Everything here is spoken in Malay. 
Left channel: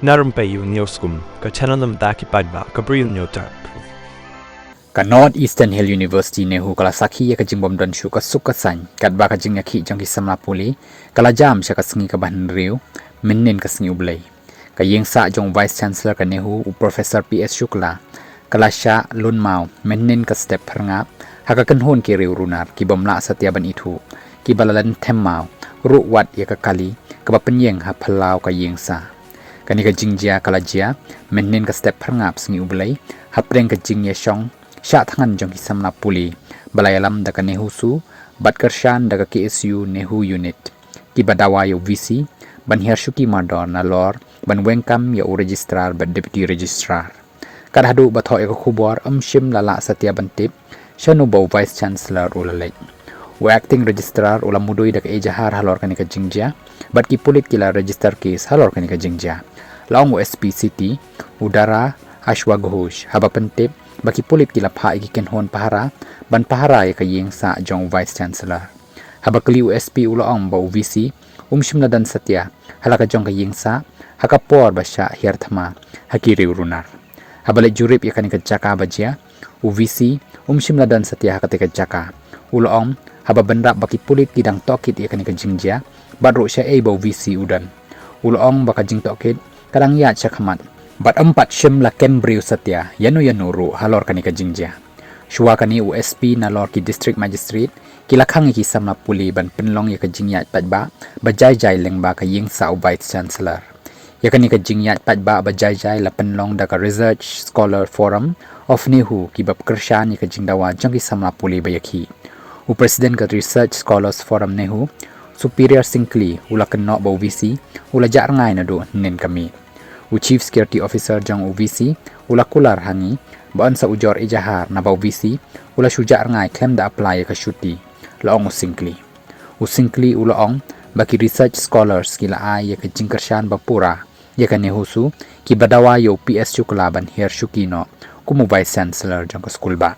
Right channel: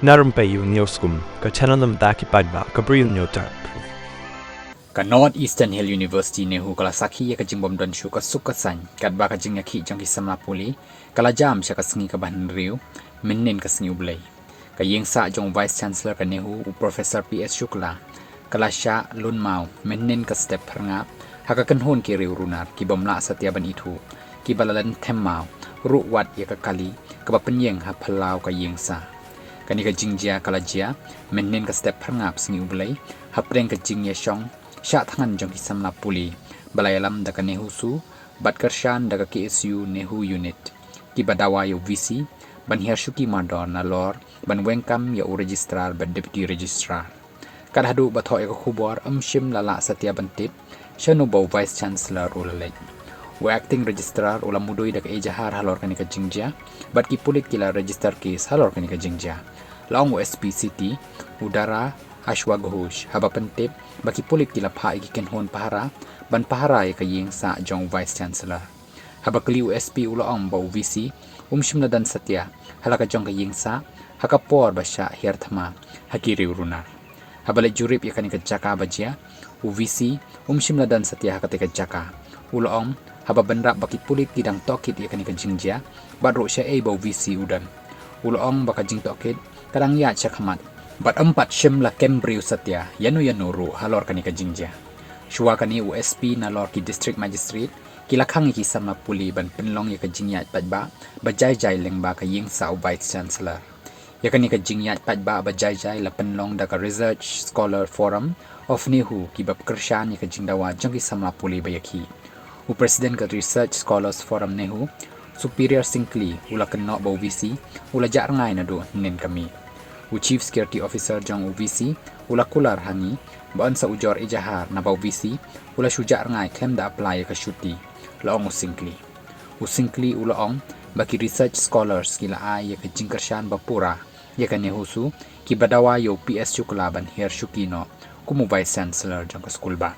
Narum payu nioskum, ka chananam daki padba, ka bril nyotar. Ka North Eastern Hill University nehu kala sakhi ya ka jingbom don shu ka suk ka san kat ba ka jing yakhi jang ki samla puli kala jam sha ka sngi ka ban riu minnin ka sngi ublai ka yeng sa jong vice chancellor ka nehu u professor PS Shukla kala sha lun mau minnin ka step pharngap ha ka kan hon ki riu runar ki bomla satya ban ithu ki balalan them mau ru wat ya ka kali ka ba penyeng ha phalau ka yeng sa kani ka jingjia kala jia minnin ka step pharngap sngi ublai ha preng ka jing ya shong sya tangan jong hisamna puli balayalam daga nehu su batkershan daga KSU nehu unit ki badawa yo VC ban hershuki madon na lor ban wengkam ya u registrar ban deputy registrar kadhadu batho eko khubor shim lala satya bantit shanu bo vice chancellor ulalai u acting registrar ula mudoi daga ejahar halor kanika jingja bat ki pulik kila register case halor kanika jingja laung SP city udara Ashwa Ghosh haba pentip baki pulit kila pha ikiken hon pahara ban pahara ya kayeng sa jong vice chancellor haba kli USP uloong ba VC shimna dan satya halaka jong kayeng sa haka por basya hierthma hakiri urunar haba le jurip ya kanika jaka bajia VC shimna dan satya haka teka jaka uloong haba benda baki pulit kidang tokit ya kanika jingja badro sya ba VC udan uloong baka jing tokit kadang ya chakhamat bat empat shim la Cambridge satya yanu ru halor kanika jingja shua kani USP na lor ki district magistrate kilakhang ki samna puli ban penlong ya ka jingya tajba bajai jai lengba ka ying sa vice chancellor ya kani ka jingya tajba bajai jai la penlong da ka research scholar forum of nehu ki bab kershan ya ka jingdawa jang ki samna puli bayaki u president ka research scholars forum nehu superior singkli ula kenno ba VC ula jar ngai na do nen kami u chief security officer jang UVC ula kular hangi ban sa ujor ejahar na ba UVC ula shujar ngai claim da apply ka shuti laong usingkli ula ong baki research scholars kila ay ka jingkershan bapura ya ka nehusu ki badawa yo PS Shukla ban her shukino kumu vice chancellor jang ka school ba